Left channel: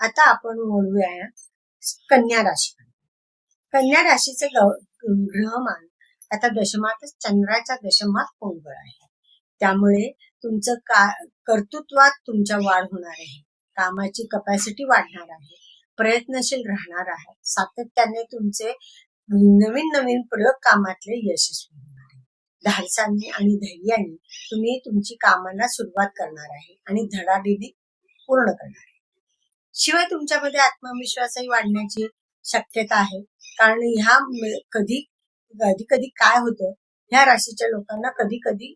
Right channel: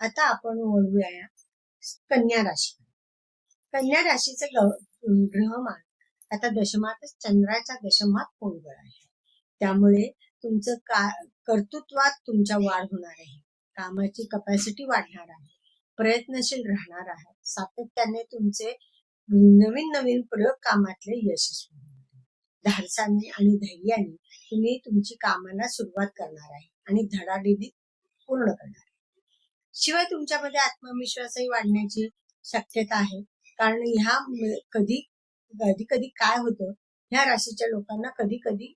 आता आपण बोलूया कन्या राशी. कन्या राशीचे ग्रहमान आता दशमातच चंद्राच्या दशमात पोंगळ आहे. त्यामुळे तुमचं कर्तृत्वात तुमच्या वाढ होणार आहे. कामाची कपॅसिटी वाढणार आहे. प्रयत्नशील राहणार आहे. सातत्याने तुमचे नवीन नवीन प्रयोग कामातले यशस्वी होणार आहे. धाडसाने आणि धैर्याने तुम्ही तुमची कामांना सुरुवात करणार आहे आणि धडाडीने पूर्ण करणार आहे. शिवाय तुमच्यामध्ये आत्मविश्वासही वाढण्याची शक्यता आहे. कारण ह्या कधी कधी काय होतं, ह्या राशीच्या लोकांना कधी कधी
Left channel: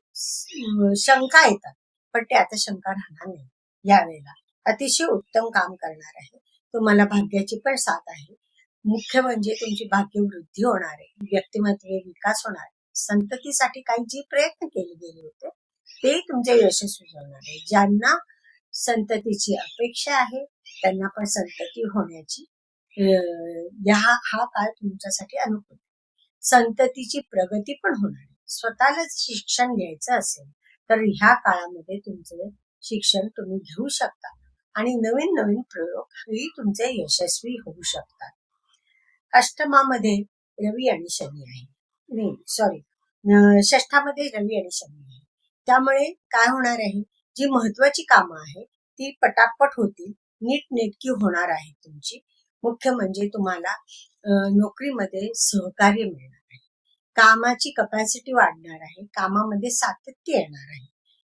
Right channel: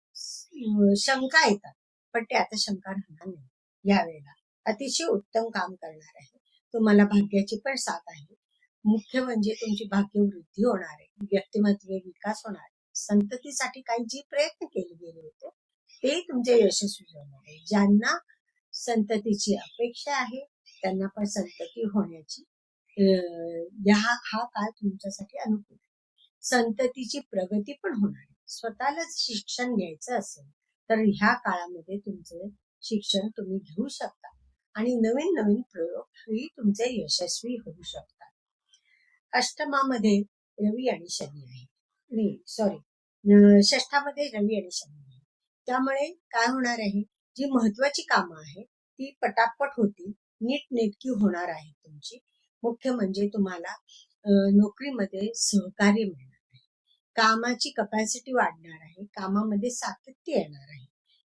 शंका येतात, पण ते आता शंका राहणार नाही. यावेळेला अतिशय उत्तम काम करणार आहे. तुम्हाला भाग्याची पण साथ आहे. मुख्य म्हणजे तुमची भाग्यवृद्धी होणार आहे. व्यक्तिमत्व विकास होणार आहे. संततीसाठी काही जे प्रयत्न केले गेले होते ते तुमचे यशस्वी होणार आहे. ज्यांना संततीची अपेक्षा आहे त्यांना पण संतती होण्याची हा काळ तुमच्यासाठी अनुकूल आहे. संततीची प्रगती पण होणार आहे. स्वतःलाच शिक्षण घ्यायचं असेल तर ह्या काळामध्ये तुमचं शिक्षण तुम्ही घेऊ शकता आणि नवीन नवीन प्रयोग ही तुमचे यशस्वी होऊ शकतात. अष्टमामध्ये रवी आणि शनी आहे. षष्ठामध्ये रवी आणि शनी आहे. त्यामुळे काय होणार आहे, जी महत्वाची कामं आहेत ती पटापट होतील, नीटनेटकी होणार आहे तुमची. मुख्य म्हणजे तुम्हाला नोकरीमध्ये सहकार्य मिळणार आहे. कामाची कपॅसिटी वाढणार आहे. कामामध्ये सातत्य येणार आहे.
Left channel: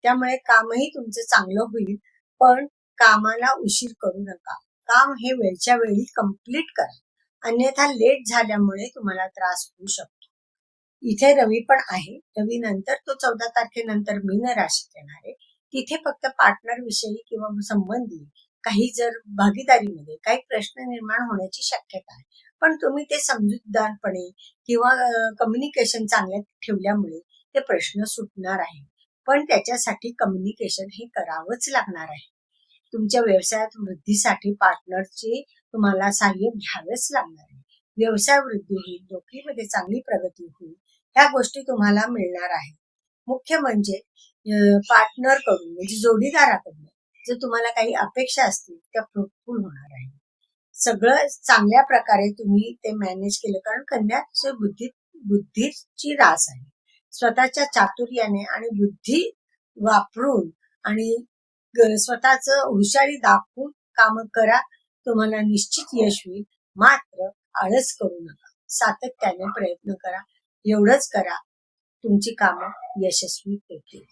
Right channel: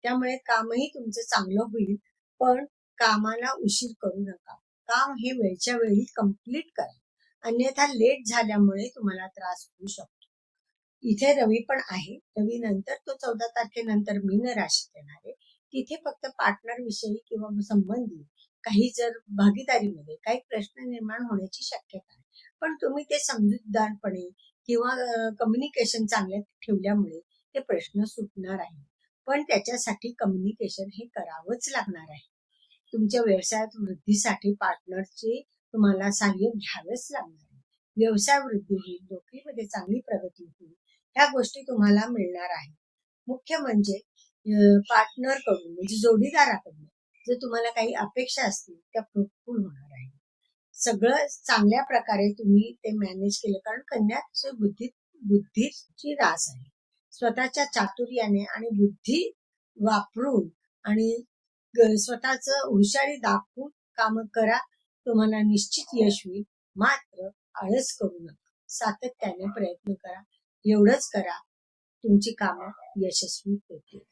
त्यामुळे कामही तुमचं चांगलं होईल. पण कामाला उशीर करू नका. काम हे वेळच्या वेळी कंप्लीट करा, अन्यथा लेट झाल्यामुळे तुम्हाला त्रास होऊ शकतो. इथे रवी पण आहे. रवी नंतर तो 14 तारखेनंतर मीन राशीत येणार आहे. तिथे फक्त पार्टनर विषयी किंवा संबंधी काही जर भागीदारीमध्ये काही प्रश्न निर्माण होण्याची शक्यता आहे. पण तुम्ही ते समजूतदारपणे किंवा कम्युनिकेशन चांगल्या ठेवल्यामुळे ते प्रश्न सुटणार आहे. पण त्याच्यासाठी कम्युनिकेशन हे करावंच लागणार आहे. तुमच्या व्यवसायात वृद्धीसाठी पार्टनरचे तुम्हाला सहाय्य घ्यावेच लागणार आहे. व्यवसाय वृद्धी होईल, नोकरीमध्ये चांगली प्रगती होईल, ह्या गोष्टी तुम्हाला मिळणार आहे. मुख्य म्हणजे पार्टनर कडून म्हणजे जोडीदाराकडून जर तुम्हाला काही अपेक्षा असतील त्या फ्रुटफुल होणार आहे. सगळं चांगल्या प्रकारे तुम्ही ते मॅनेज केलं, कारण कन्याचे बुद्धीची रास आहे. स्वतःच्या चातुर्याने आणि बुद्धी वापरून आणि स्वतःच हुशारी दाखवून काम करा. तुम्हाला निश्चित यश होईल. मात्र आळस करू नका. सातत्याने प्रयत्न करा. एवढंच करा, तुमची कामं यशस्वी होतील.